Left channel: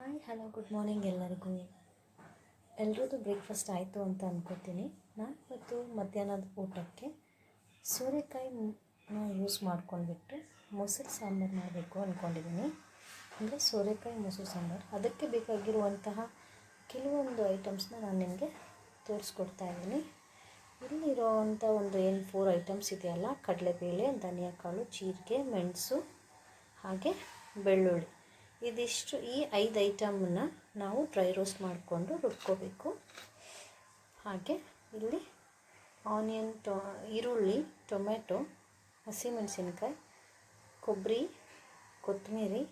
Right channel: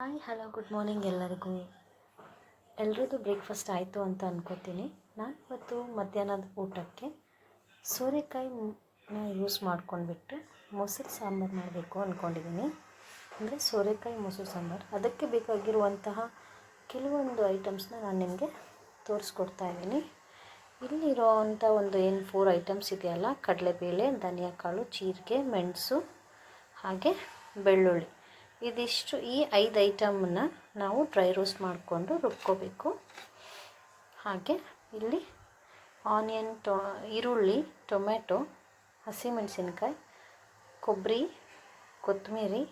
Hi hello good morning ಎಲ್ಲರಿಗೂ. ಎಲ್ರದ್ದು breakfast ಆಯಿತು ಅಂತ ಅನ್ಕೋತೀನಿ. ನಾನು ಇವತ್ತು ಮಧ್ಯಾಹ್ನದ ಊಟಕ್ಕೆ ಸೋರೆಕಾಯಿನ ಯೂಸ್ ಮಾಡ್ಕೊಂಡ್ಬಿಟ್ಟು ಮೊಸರು ಸಾಂಬಾರು ಮಾಡಬೇಕು ಅಂದ್ಕೊಂಡಿದ್ದೀನಿ. ಅಂದರೆ ಸೋರೆಕಾಯಿ ಮೊಸರು ಸಾಂಬಾರು, ಅದಕ್ಕೆ ಬೇಕಾಗಿರುವಂತಹ ಕೆಲವೊಂದು ಐಟಮ್ಸ್ನ ನಾನು ನಿಮಗೆ ತೋರಿಸ್ಕೊಡ್ತಾ ಇದ್ದೀನಿ. ಇಲ್ಲಿರೋವಂಥ ಒಂದು 4 ಐಟಮ್ಸ್ ಇದೆಯಲ್ಲ, ಕಡಲೆಬೇಳೆ, ಧನಿಯಾಕಾಳು, ಜೀರಿಗೆ, ಮೆಣಸು ಹಾಗೆ ಬೆಳ್ಳುಳ್ಳಿ, ಇದಿಷ್ಟು ಈ 5 ಐಟಮನ್ನು ನಾವು ಡ್ರೈ ರೋಸ್ಟ್ ಮಾಡಿಕೊಂಡು ರುಬ್ಕೋಬೇಕು. ಹಾಗೆ ಇಲ್ಲಿ ಆನಿಯನ್, ಈರುಳ್ಳಿ, ಟೊಮೆಟೊ, ಹಸಿಮೆಣಸಿನ್ಕಾಯಿ, ಕೊಬ್ಬರಿ, ಕೊತ್ತಂಬರಿ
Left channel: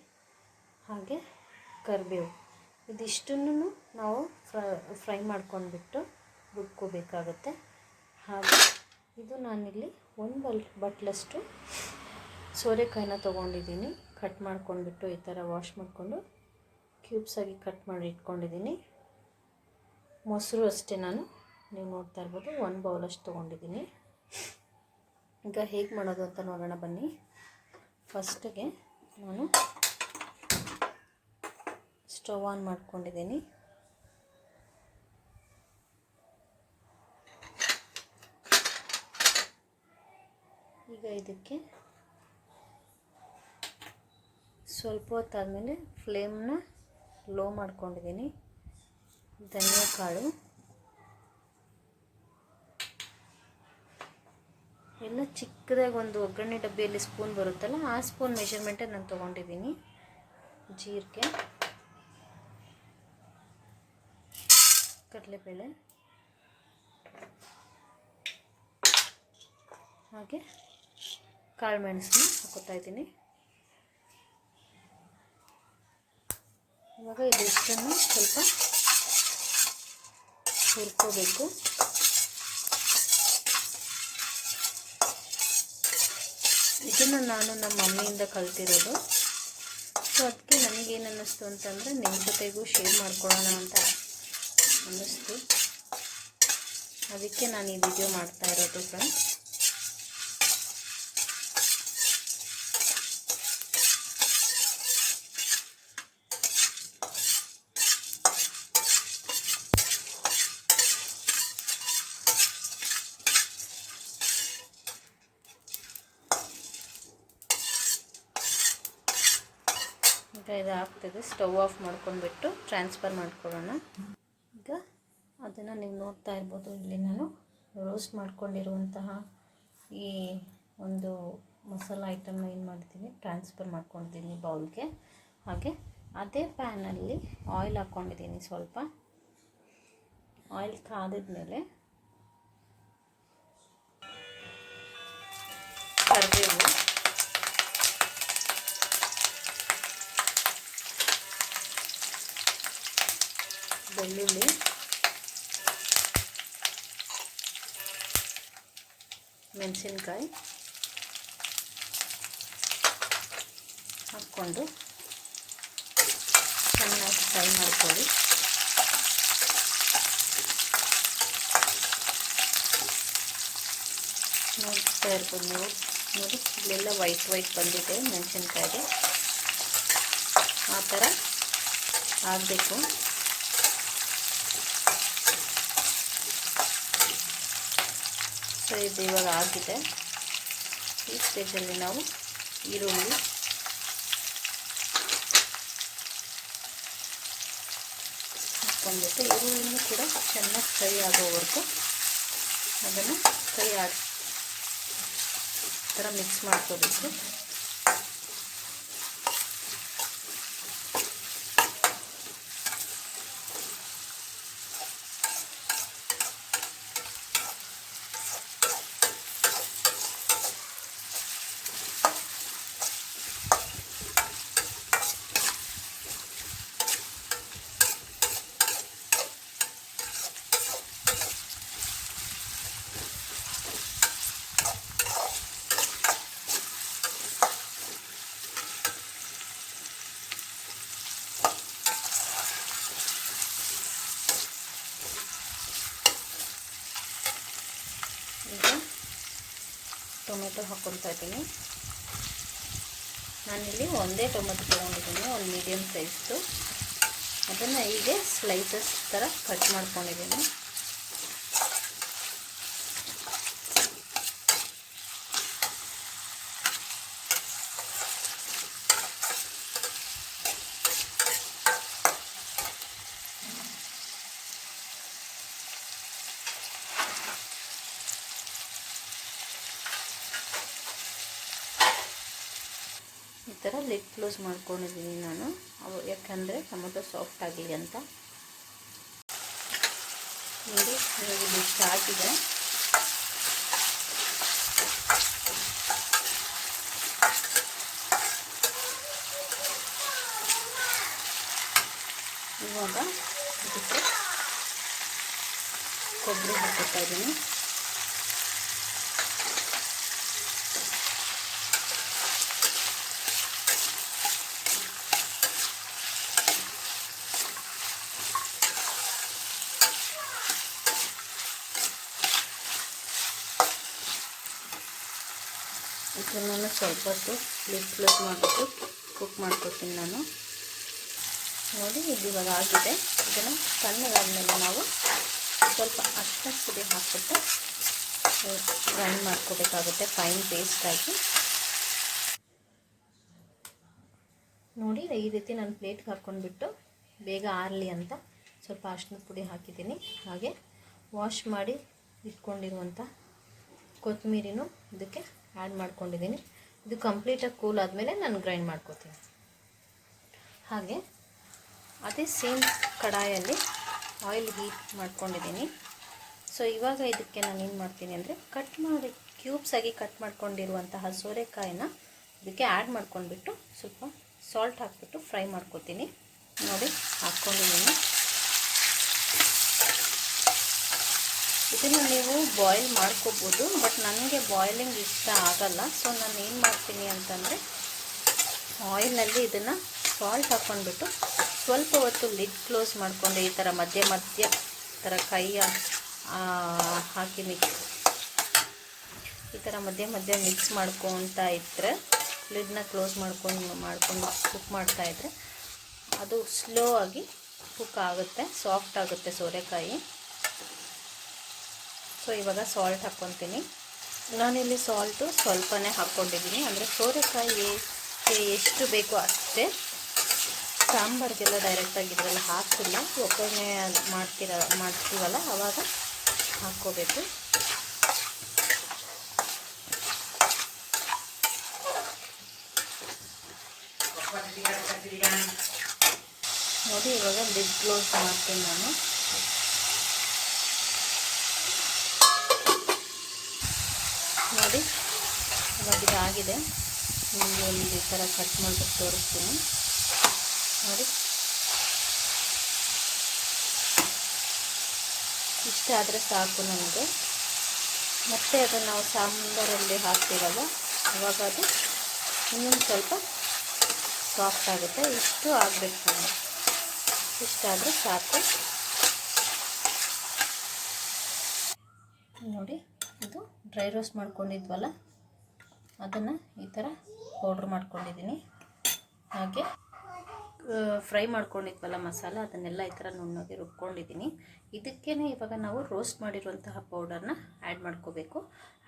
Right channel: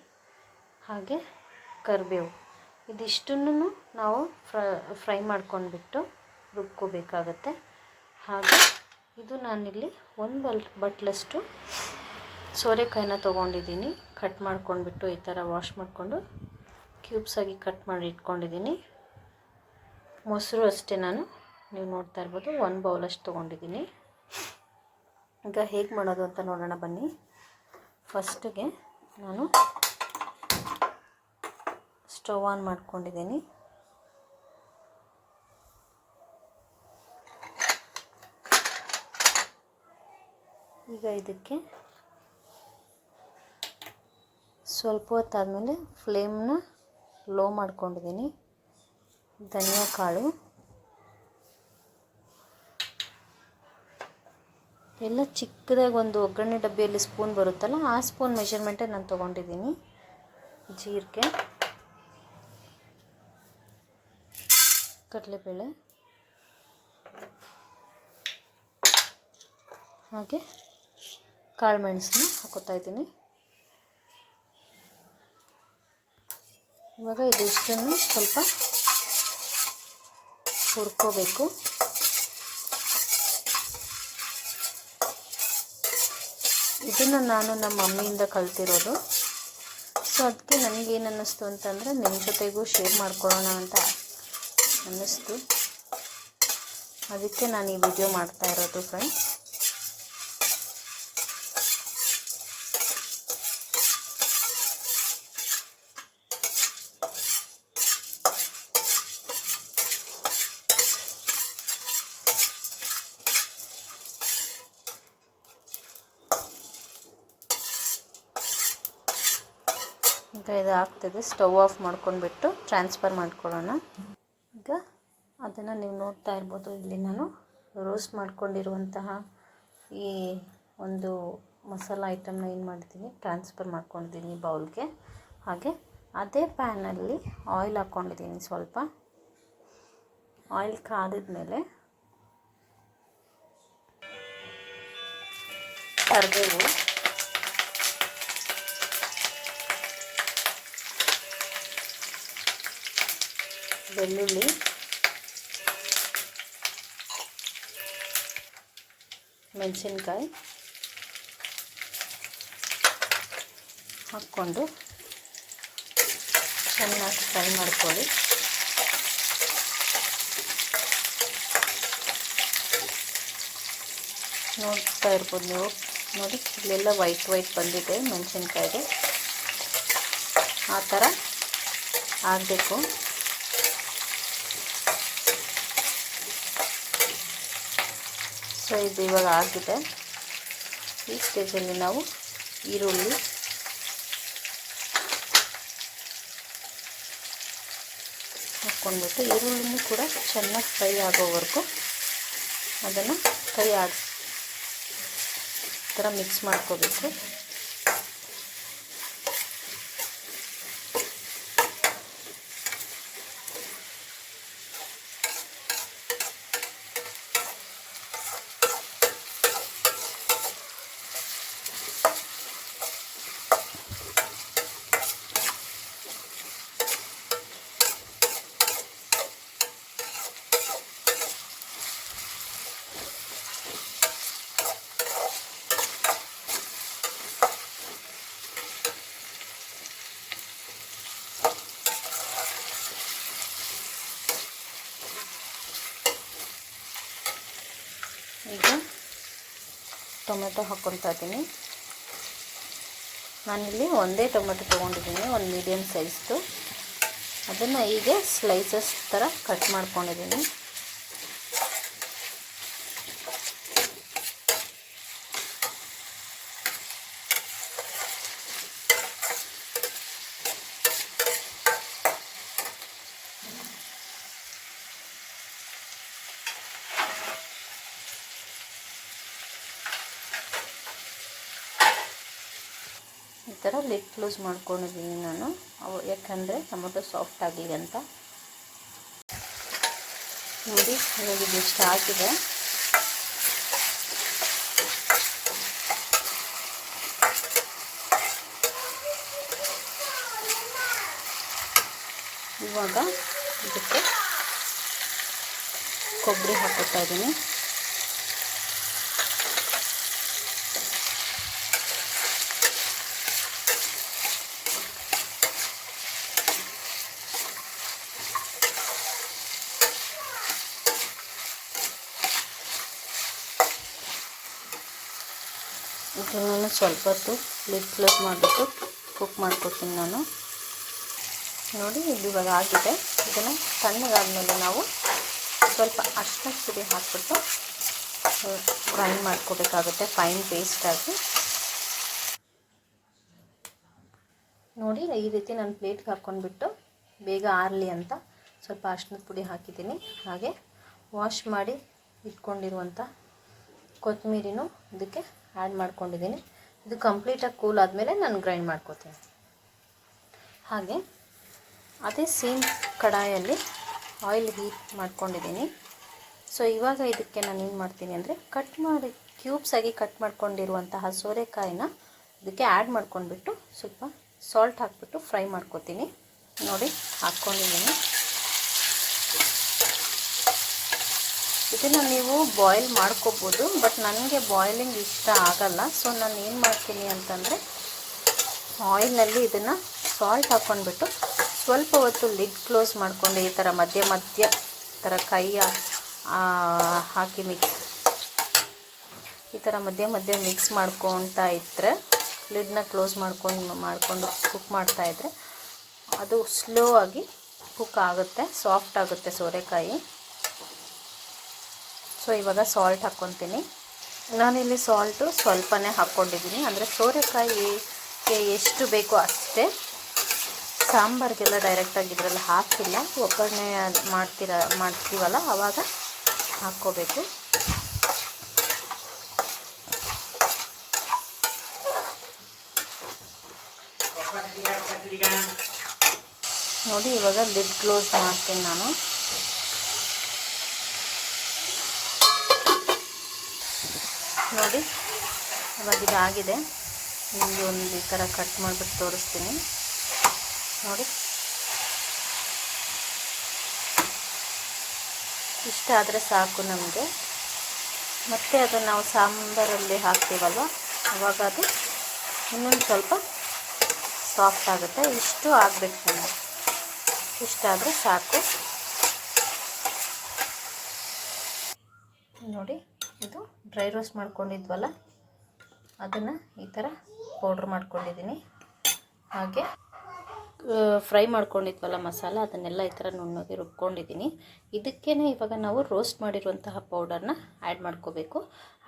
ಹಾಗೆ ಕರಿಬೇವು, ಇದಿಷ್ಟನ್ನು ನಾವು ಫ್ರೈ ಮಾಡ್ಕೊಂಡ್ಬಿಟ್ಟು ರುಬ್ಕೋಬೇಕಾಗತ್ತೆ. ಹಾಗೆ ಇದು ನಾನಿಲ್ಲಿ 1 ಬಟ್ಲಷ್ಟು ಸೋರೆಕಾಯಿನ ತೊಗೊಂಡಿದ್ದೀನಿ. ಕಟ್ ಮಾಡ್ಕೊಂಡ್ಬಿಟ್ಟು ಈ ಥರ ವಾಶ್ ಮಾಡಿಕೊಂಡು ಕ್ಯೂಬ್ಸಾಗಿ ಕಟ್ ಮಾಡಿ ಇಟ್ಕೊಂಡಿದ್ದೀನಿ. ಮೊಸರು ಅಷ್ಟೇ, ನೀವು ನೋಡ್ತಾ ಇರ್ಬೋದು 1 ಬೌಲಷ್ಟು ತೊಗೊಂಡಿದ್ದೀನಿ. ಈಗ ಹೇಗೆ ಮಾಡೋದು ಅಂತ ನೋಡೋಣ ಬನ್ನಿ. ಫಸ್ಟಿಗೆ ನಾನು ಸ್ಟವ್ ಆನ್ ಮಾಡ್ಕೊಂಡಿದ್ದೀನಿ. ಈಗ ಇದಕ್ಕೆ ಸ್ವಲ್ಪ ಹೊತ್ತಾದಮೇಲೆ ಫ್ಲೇಮ್ನ ಲೋ ಮಾಡ್ಕೊಂಡಿದ್ದೀನಿ. ಧನಿಯಾಕಾಳು ಎಲ್ಲ ಚಿಕ್ಕದಾಗಿ ಒಂದು ಒಗ್ಗರಣೆ ಡಬ್ಬಿಯಲ್ಲಿ ಸ್ಪೂನ್ ಬರುತ್ತಲ್ಲ, ಆ ಸ್ಪೂನ್ ಮೆಷರ್ಮೆಂಟೇ ನಾನು ತೊಗೊಂಡಿದ್ದೀನಿ. ಜೀರಿಗೆ, ಕಡಲೆಬೇಳೆ ಹಾಗೆ ಕಾಳು ಮೆಣಸನ್ನ ಹಾಕೋತಾ ಇದ್ದೀನಿ. ಇವಾಗ ಇದಿಷ್ಟನ್ನು ಸ್ವಲ್ಪ ಹುರ್ಕೋಬೇಕು. ಇದನ್ನು ನಾನು ನಮ್ಮ ಮಮ್ಮಿಯಿಂದ ಕಲ್ತಿರೋದು. ಸೊ ಅದಕ್ಕೆ ನನಗೇನು ಅನ್ನಿಸ್ತು ಅಂತಂದರೆ ನಿಮ್ಮ ಜೊತೆಗೂ ಶೇರ್ ಮಾಡ್ಕೊಳ್ಳೋಣ ಅಂತ ಅನ್ನಿಸ್ತು. ಅದಕ್ಕೆ ನಾನು ಈ ವಿಡಿಯೋ ಮಾಡ್ತಾ ಇರೋದು ಫ್ರೆಂಡ್ಸ್. ಇದು ಆಗ್ತಿದೆ. ಸ್ಟವ್ ಆಫ್ ಮಾಡ್ಕೊಂಡ್ಬಿಟ್ಟು ಟ್ರಾನ್ಸ್ಫರ್ ಮಾಡ್ಕೊಳ್ಳೋಣ. ಈಗ ಅದನ್ನು ನೀವು ನೋಡ್ತಾ ಇರ್ಬೋದು. ಇಲ್ಲಿ ನಾನು ರೋಸ್ಟ್ ಮಾಡ್ಕೊಂಡಿರುವಂತಹ ಈ ಒಂದು ಮಸಾಲ ಐಟಮ್ನ ಏನು ಮಾಡಿದ್ದೀನಿ, ಟ್ರಾನ್ಸ್ಫರ್ ಮಾಡ್ಕೊಂಡಿದ್ದೀನಿ ಬೌಲ್ಗೆ. ಹಾಗೆ ಅದೇ ಪ್ಯಾನಲ್ಲಿ ಆಯಿಲ್ ಹಾಕ್ಕೊಂಡಿದ್ದೀನಿ. ಸ್ವಲ್ಪ ಆಯಿಲ್ ಕಾದಿದ್ಮೇಲೆ ಕರಿಬೇವು, ಬೆಳ್ಳುಳ್ಳಿ, ಮೆಣಸಿನ್ಕಾಯಿ ಹಾಕ್ಕೊಂಡು ಚೆನ್ನಾಗಿ ಫ್ರೈ ಮಾಡ್ಕೊಳ್ಳಿ. ನೋಡ್ತಾ ಇರ್ಬೋದು ನೀವು, ನೋಡಿ ಇಲ್ಲೆಲ್ಲ ವೈಟ್ ಬಂದಿದೆ ಮೆಣಸಿನ್ಕಾಯಿಗೆ. ಆ ಥರ ಆಗಬೇಕು. ಸೊ ಇದು ಇವಾಗ ಆಗಿದೆ. ಈ ಸ್ಟೇಜಲ್ಲಿ ನಾವು ಈರುಳ್ಳಿ ಹಾಕ್ಕೊಂಡ್ಬಿಟ್ಟು ಈರುಳ್ಳಿನೂ ಕೂಡ ಚೆನ್ನಾಗಿ ಫ್ರೈ ಆಗೋವರೆಗೂ ಅದನ್ನು ಕೈ ಥರ ಮಿಕ್ಸ್ ಮಾಡ್ಕೋಬೇಕು. ಈಗ ಟೊಮೆಟೊ ಹಾಕ್ಕೊಳ್ತಾ ಇದ್ದೀನಿ. ನಾನಿಲ್ಲಿ ಒಂದೇ ಟೊಮೆಟೊ ತೊಗೊಂಡಿದ್ದೀನಿ, ಒಂದು ಮೀಡಿಯಮ್ ಸೈಜ್ದು. ಅದನ್ನು ಹೀಗೆ ಸ್ಲೈಸಸ್ ಥರ ಕಟ್ ಮಾಡ್ಕೊಂಡಿದ್ದೀನಿ. ಈ ಥರ ಲಿಡ್ ಕ್ಲೋಸ್ ಮಾಡ್ಕೊಂಡಿದ್ದೀನಿ ನಾನು, ಯಾಕಂದರೆ ಟೊಮೊಟೊ ಸಾಫ್ಟ್ ಆಗಲಿ ಅಂತ. ನೋಡಿ ಇವಾಗ ಇದಿಷ್ಟು ಆಗಿದೆ. ಇವಾಗ ಇದಕ್ಕೆ ಕೊಬ್ಬರಿ ಹಾಕ್ಕೊತಾ ಇದ್ದೀನಿ. ಇದನ್ನು ಸ್ವಲ್ಪ ಹೊತ್ತು ಲಿಡ್ ಕ್ಲೋಸ್ ಮಾಡಿಬಿಟ್ಟು ಕುಕ್ ಮಾಡ್ಕೊತೀನಿ ನಾನು. ನೋಡಿ ಇದು ಇವಾಗ ಆಗಿದೆ. ಇದನ್ನು ತಣ್ಣಗಾದ್ಮೇಲೆ ನಾವು ಸ್ವಲ್ಪ ಅರಿಶಿನ ಪುಡಿ ಹಾಕ್ಬಿಟ್ಟು ಗ್ರೈಂಡ್ ಮಾಡ್ಕೋಬೇಕಾಗುತ್ತೆ ಫೈನ್ ಪೇಸ್ಟಾಗಿ. ನೋಡಿ ಈ ರೀತಿ ನಾನು ಪ್ಲೇಟ್ಗೆ ಹಾಕ್ಕೊಂಡ್ಬಿಟ್ಟು ಬೇಗ ಆರಲಿ ಅಂತ ಸ್ವಲ್ಪ ಅರಿಶಿನದ ಪುಡಿ ಹಾಕಿದ್ದೀನಿ. ಹಾಗೆ ವಾಶ್ ಮಾಡಿ ಇಟ್ಕೊಂಡಿರುವಂಥ ಕೊತ್ತಂಬರಿನೂ ಇದಕ್ಕೆ ಆ್ಯಡ್ ಮಾಡ್ಕೊಂಡಿದ್ದೀನಿ. ಇದು ಕಂಪ್ಲೀಟಾಗಿ ಕೂಲ್ ಆದಮೇಲೆ ನಾನು ಗ್ರೈಂಡ್ ಮಾಡ್ಕೋತೀನಿ. ಹಾಗೆ ಅದೇ ಸೇಮ್ ಕಡಾಯಲ್ಲಿ ಆಯಿಲ್ ಹೀಟ್ ಮಾಡ್ಕೊಂಡಿದ್ದೀನಿ. ಸೊ ಇವಾಗ ಇದಕ್ಕೆ ನಾನು ಏನು ಮಾಡ್ತೀನಿ ಅಂದರೆ ಕ್ಯೂಬ್ಸಾಗಿ ಕಟ್ ಮಾಡ್ಕೊಂಡಿರುವಂತಹ ಸೋರೆಕಾಯಿನ ಇದಕ್ಕೆ ಆ್ಯಡ್ ಮಾಡ್ಕೊಂಡ್ಬಿಟ್ಟು ಸ್ವಲ್ಪ ಸಾಲ್ಟ್ ಹಾಕ್ಬಿಟ್ಟು ಫ್ರೈ ಮಾಡ್ಕೋತೀನಿ. ನೋಡಿ ಹಾಕ್ಕೊಂಡಿದ್ದೀನಿ. ಇದನ್ನು ನೀವು ಬಾಯ್ಲ್ ಮಾಡ್ಕೋಬೋದು, ಬಟ್ ನನಗೆ ಬಾಯ್ಲಿಂಗ್ ಇಷ್ಟ ಆಗಲ್ಲ. ಸೊ ನಾನು ಏನು ಮಾಡ್ತೀನಿ ಅಂತಂದರೆ ಆಯಿಲ್ನಲ್ಲಿ ಇದನ್ನು ಸಾಲ್ಟ್ ಹಾಕ್ಕೊಂಡ್ಬಿಟ್ಟು ಸ್ವಲ್ಪ ಹೊತ್ತು ಲಿಡ್ ಕ್ಲೋಸ್ ಮಾಡಿಕೊಂಡು ಈ ಥರ ಮಧ್ಯ ಥರ ಕೈ ಹಾಕಿ ಈ ಥರ ಮಧ್ಯ ಮಿಕ್ಸ್ ಮಾಡ್ಕೊತಾ ಇದ್ದರೆ, ಲಿಡ್ನ ಕ್ಲೋಸ್ ಮಾಡಿಕೊಂಡು ಕುಕ್ ಮಾಡ್ತಾಯಿದ್ರೆ ಅದು ಸ್ಲೋ ಆಗಿ ಕುಕ್ ಆಗುತ್ತೆ, ಸಾಫ್ಟ್ ಆಗುತ್ತೆ ಸೋರೆಕಾಯಿ. ಸೊ ಇವಾಗ ಸಾಲ್ಟ್ ಹಾಕ್ಕೊತೀನಿ. ನಾನಿಲ್ಲಿ ಸಾಲ್ಟು ಸ್ವಲ್ಪನೇ ಹಾಕ್ಕೊಂಡಿದ್ದೀನಿ, ಅಂದರೆ ಸೋರೆಕಾಯಿಗೆ ಎಷ್ಟು ಬೇಕೋ ಅಷ್ಟೇ. ಸಾಂಬಾರಿಗೆಲ್ಲ ಡೈರೆಕ್ಟಾಗಿ ಇದರಲ್ಲಿ ಹಾಕಿಲ್ಲ, ಒಗ್ಗರಣೆ ಮಾಡ್ತೀವಲ್ಲ ಆವಾಗ ಹಾಕ್ಕೋಬೇಕು. ನೋಡಿ ಇವಾಗ ಲಿಡ್ ಕ್ಲೋಸ್ ಮಾಡ್ತೀನಿ ನಾನು. ನೋಡಿ ಇವಾಗ ಇದಾಗಿದೆ. ನಿಮಗೆ ಒಂದು ಈ ಥರ ಕಟ್ ಮಾಡಿಬಿಟ್ಟು ತೋರಿಸ್ತೀನಿ. ನೋಡಿ ಇಷ್ಟ ಆದರೆ ಸಾಕು ನಮಗೆ. ಮತ್ತೆ ಅದನ್ನು ನಾವು ಸಾಂಬಾರಲ್ಲಿ ಹಾಕ್ತೀವಲ್ವ ಆವಾಗ ಅದು ಇನ್ನೊಂದು ಸ್ವಲ್ಪ ಸಾಫ್ಟ್ ಆಗುತ್ತೆ. ಇಷ್ಟು ಆಗಬೇಕು ನಮಗೆ, ಇಷ್ಟ ಆದರೆ ಸಾಕು. ನೋಡಿ ಇದು ಡ್ರೈ ರೋಸ್ಟ್ ಮಾಡ್ಕೊಂಡಿದ್ವಲ್ಲ ಅದನ್ನು ಈ ಥರ ಪೌಡ್ರ್ ಮಾಡ್ಕೊಂಡಿದ್ದೀನಿ. ಹಾಗೆ ಫ್ರೈ ಮಾಡ್ಕೊಂಡಿದ್ವಲ್ಲ ಮಸಾಲ, ಅದನ್ನೆಲ್ಲ ಈ ಥರ ನುಣ್ಣಗೆ ರುಬ್ಕೊಂಡಿದ್ದೀನಿ. ಇದಕ್ಕೇ ಇವಾಗ ನಾವು ರೋಸ್ಟ್ ಮಾಡಿರುವಂತಹ ಪೌಡರ್ನ ಆ್ಯಡ್ ಮಾಡ್ಕೋಬೇಕು.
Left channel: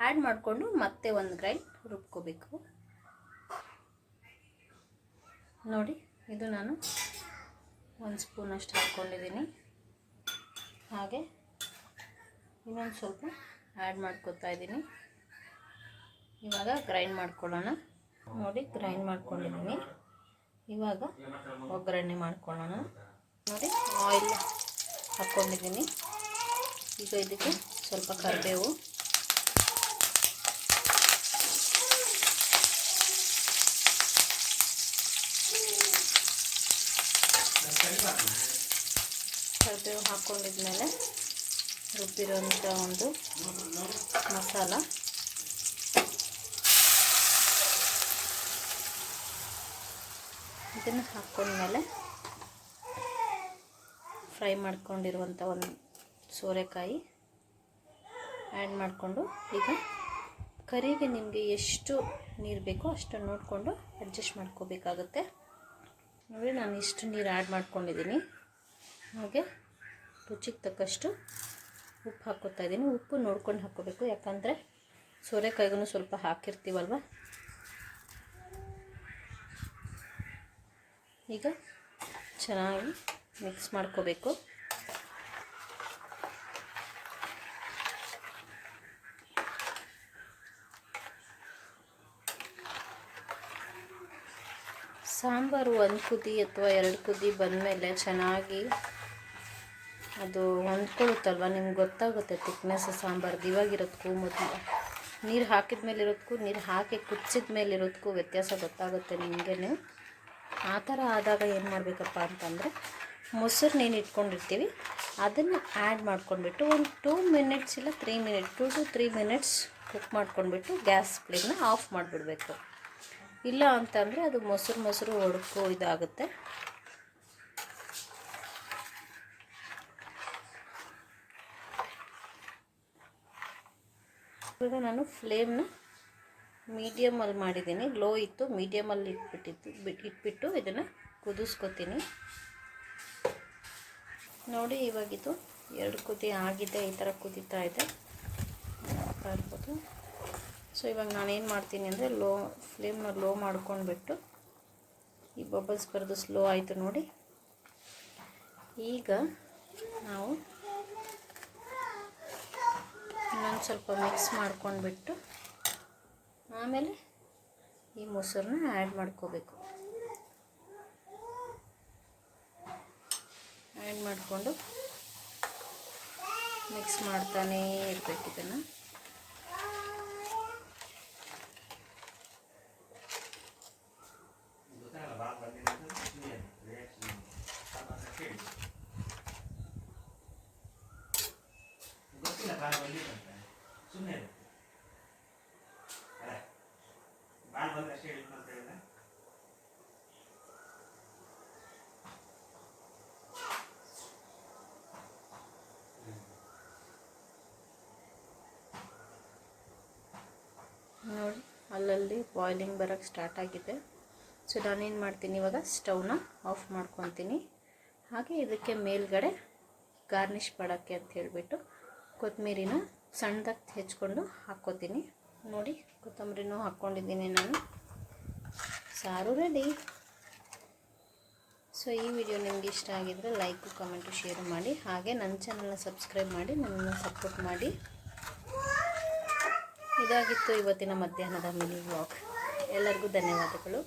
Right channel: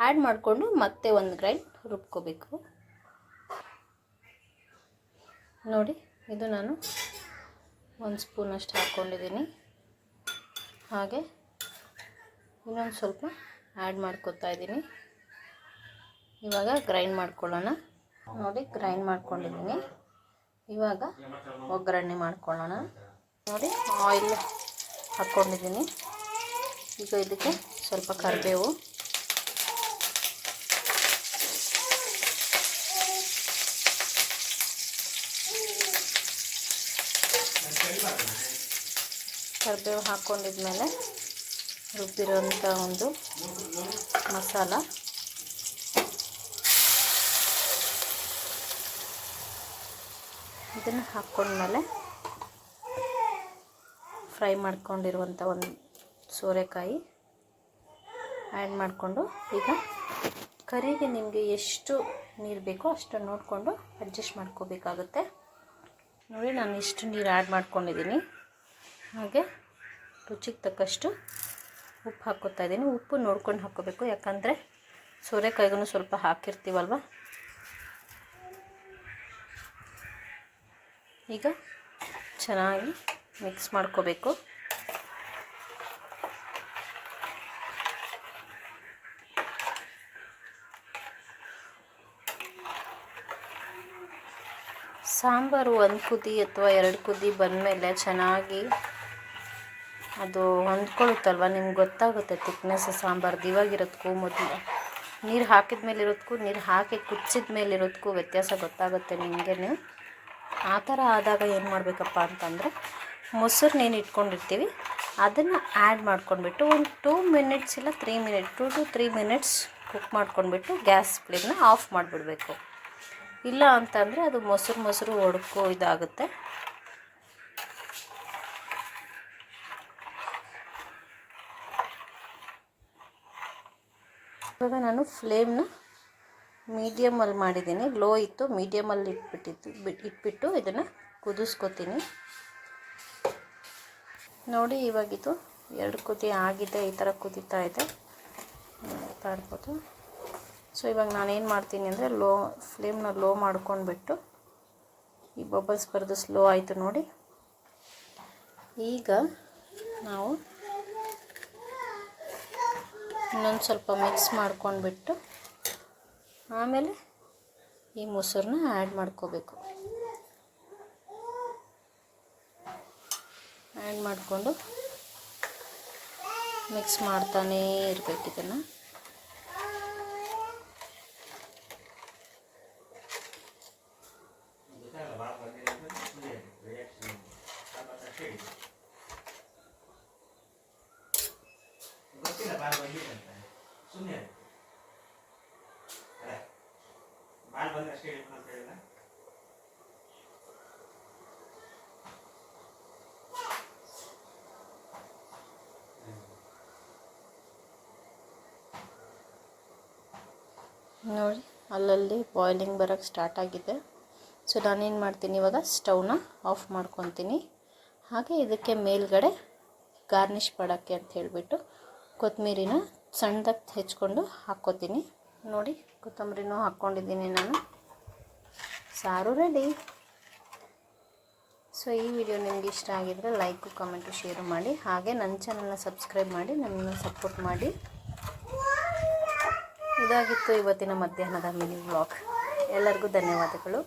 ಆ್ಯಡ್ ಮಾಡಿಕೊಂಡು ಮತ್ತೆ ಒಂದು ಗ್ರೈಂಡ್ ರುಬ್ಕೋಬೇಕು. ನೋಡಿ ಇದು ನಾನು 1 ಸ್ಪೂನಷ್ಟು ಹಾಕ್ಕೊಂಡಿದ್ದೀನಿ. ಹಾಗೆ ಇನ್ನೊಂದು ಸ್ವಲ್ಪ ಆ್ಯಡ್ ಮಾಡ್ಕೊತಾ ಇದ್ದೀನಿ. ಇವಾಗ ಗ್ರೈಂಡ್ ಮಾಡ್ಕೊಳ್ಳೋಣ. ನೋಡಿ ಗ್ರೈಂಡ್ ಮಾಡ್ಕೊಂಡಿದ್ದೀನಿ. ಇವಾಗ ಒಗ್ಗರಣೆ ಮಾಡ್ಕೊಳ್ಳೋಣ. ನೋಡಿ ಆಯಿಲ್ ಹಾಕ್ಕೊಂಡಿದ್ದೀನಿ. ಈಗ ಇದಕ್ಕೆ ಸ್ವಲ್ಪ ಕರಿಬೇವು, ಹಾಕ್ಕೊಂಡಿದ್ಮೇಲೆ ರುಬ್ಬಿರೋಂಥ ಒಂದು ಮಸಾಲ, ಇದನ್ನು ಹಾಕ್ಕೊಂಡ್ಮೇಲೆ ಫ್ರೈ ಮಾಡ್ಕೊಂಡಿರುವಂಥ ಒಂದು ಸೋರೆಕಾಯಿ ಆ್ಯಡ್ ಮಾಡಿಕೊಂಡು, ಈಗ ಕರಿಗೆ ನಿಮಗೆ ಎಷ್ಟು ನೀರು ಬೇಕೋ ಅಷ್ಟು ನೋಡಿಕೊಂಡು ಅಡ್ಜಸ್ಟ್ ಮಾಡ್ಕೋಬೇಕಾಗುತ್ತೆ. ನೋಡಿ ನಾನು ಇಷ್ಟು ನೀರು ಆ್ಯಡ್ ಮಾಡ್ಕೊಂಡಿದ್ದೀನಿ. ಹಾಗೆ ರುಚಿಗೆ ತಕ್ಕಷ್ಟು ಉಪ್ಪು ಹಾಕ್ಕೋತಾ ಇದ್ದೀನಿ. ಉಪ್ಪು ನೋಡ್ಕೊಂಡು ಹಾಕ್ಕೋಬೇಕು, ಯಾಕಂದರೆ ಸೋರೆಕಾಯಿಗೂ ಸ್ವಲ್ಪ ಹಾಕಿರ್ತೀವಲ್ವ. ಈಗ ಚೆನ್ನಾಗಿ ಮಿಕ್ಸ್ ಮಾಡ್ಕೋಬೇಕು. ಸಾಂಬಾರು 1 ಕುದಿ ಅಥವಾ 2 ಕುದಿ ಬಂದಮೇಲೆ ಚೆನ್ನಾಗಿ ಅದು ಹೊಂದ್ಕೊಳ್ಳುತ್ತಲ್ವ, ನಿಮ್ಗೆ ಗೊತ್ತಾಗುತ್ತೆ ತಿಕ್ನೆಸ್ ಸಾಂಬಾರ್ದು. ಇವಾಗಿರೋದಕ್ಕೂ ಮೊದಲು ನೀರು ಹಾಕಿದ ಮೇಲೆ ಇರೋದಕ್ಕೂ ನೀರು ಹಾಕಿ ಕುಚ್ಚಿದ ಮೇಲೆ ಇರೋದಕ್ಕೂ ವ್ಯತ್ಯಾಸ ಗೊತ್ತಾಗುತ್ತೆ ನಿಮಗೇನು. ಆ ಥರ ಆದಾಗ ಏನು ಮಾಡಬೇಕಪ್ಪ ಅಂತಂದರೆ, ಮೊಸರು ನೀನು ಇಟ್ಕೊಂಡಿರ್ತೀವಿ ಅದನ್ನು ಆ್ಯಡ್ ಮಾಡ್ಕೊಂಡ್ಬಿಟ್ಟು ಒಂದು 2 ಮಿನಿಟ್ಸ್ ಇಲ್ಲ 3 ಮಿನಿಟ್ 2 to 3 ಮಿನಿಟ್ಸ್ ಕುಕ್ ಮಾಡ್ಕೊಂಡ್ಬಿಟ್ಟು ಗ್ಯಾಸ್ ಫ್ಲೇಮ್ನ ಆಫ್ ಮಾಡಿಬಿಡ್ಬೇಕು. ಇಲ್ಲ ಅಂತಂದರೆ ಅದು ಮೊಸರು ಒಡ್ಕೋ ಇದಾಗುತ್ತೆ. ಇವಾಗ ನಾನು ಫ್ಲೇಮ್ನ ಮೀಡಿಯಮಲ್ಲಿ ಮಾಡಿದ್ದೀನಿ. ಲೋ ಇತ್ತು, ಮೀಡಿಯಮಲ್ಲಿ ಇಟ್ಬಿಟ್ಟು ಇದನ್ನು ಕುದಿಸ್ಕೊತೀನಿ. ನೋಡಿ ಇವಾಗಿದು 2 ಕುದಿ ಆಗಿದೆ, ಈ ಥರ ಕುದೀತಾ ಇದೆ ಅಂತ ಅನ್ಬೋದು. ಸೊ ಇವಾಗ ನಾನೇನು ಮಾಡ್ತೀನಿ ಅಂದರೆ ಫ್ಲೇಮ್ನ ಲೋ ಮಾಡ್ಕೊಂಡ್ಬಿಟ್ಟು, ಈ ಬಬಲ್ಸ್ ಬರೋದು ಸ್ಲೋ ಆಯಿತು ನೋಡಿ. ಈಗ ನಾವು ಇನ್ನೊಂದು ಸ್ವಲ್ಪ ಮಿಕ್ಸ್ ಮಾಡ್ಕೊಂಡ್ಬಿಟ್ಟು ಆಮೇಲೆ ಈ ಮೊಸರನ್ನ ಆ್ಯಡ್ ಮಾಡ್ಕೋಬೇಕು. ಆ್ಯಡ್ ಮಾಡಿಕೊಂಡು ಮಿಕ್ಸ್ ಮಾಡ್ತಾನೇ ಇರಬೇಕು ಇದನ್ನು. ನೋಡಿ ಅಲ್ಲಲ್ಲಿ ಬಾಯ್ಲಿಂಗ್ ಬರೋಕ್ಕೆ ಸ್ಟಾರ್ಟ್ ಆಗಿದೆ. ಸೊ ನಾನೇನು ಮಾಡ್ತೀನಿ, ಇವಾಗ ಸ್ಟವ್ನ ಆಫ್ ಮಾಡ್ಕೊತೀನಿ. ಹಾಗೆ ಇದಕ್ಕೆ ಮೇಲ್ಗಡೆ ಗಾರ್ನಿಷ್ ಮಾಡೋಕ್ಕೆ ಅಂತ ಹೇಳಿಬಿಟ್ಟು ಕೊತ್ತಂಬರಿನ ಸಣ್ಣದಾಗಿ ಹೆಚ್ಕೊಂಡು ಹಾಕ್ಕೋತೀನಿ. ನೋಡಿ ಕೊತ್ತಂಬರಿನೂ ಹಾಕ್ಕೊಂಡಿದ್ದೀನಿ ನಾನು. ಸಾರು ರೆಡಿ. ಸೊ ಈ ವಿಡಿಯೋ ನಿಮ್ಗೆ ಇಷ್ಟ ಆಗಿದ್ರೆ ಲೈಕು, ಕಮೆಂಟು, ಶೇರು ಮಾಡಿ. ಹಾಗೆ ನನ್ನ ಚಾನಲ್ನ ಸಬ್ಸ್ಕ್ರೈಬ್ ಮಾಡಿ ನನ್ನನ್ನು ಸಪೋರ್ಟ್ ಮಾಡಿ. ಇದಾಗಿತ್ತು ಇವತ್ತಿನ ಮಧ್ಯಾಹ್ನದ ಮಿನಿ ವ್ಲಾಗ್. ಎಲ್ಲರಿಗೂ ಧನ್ಯವಾದಗಳು.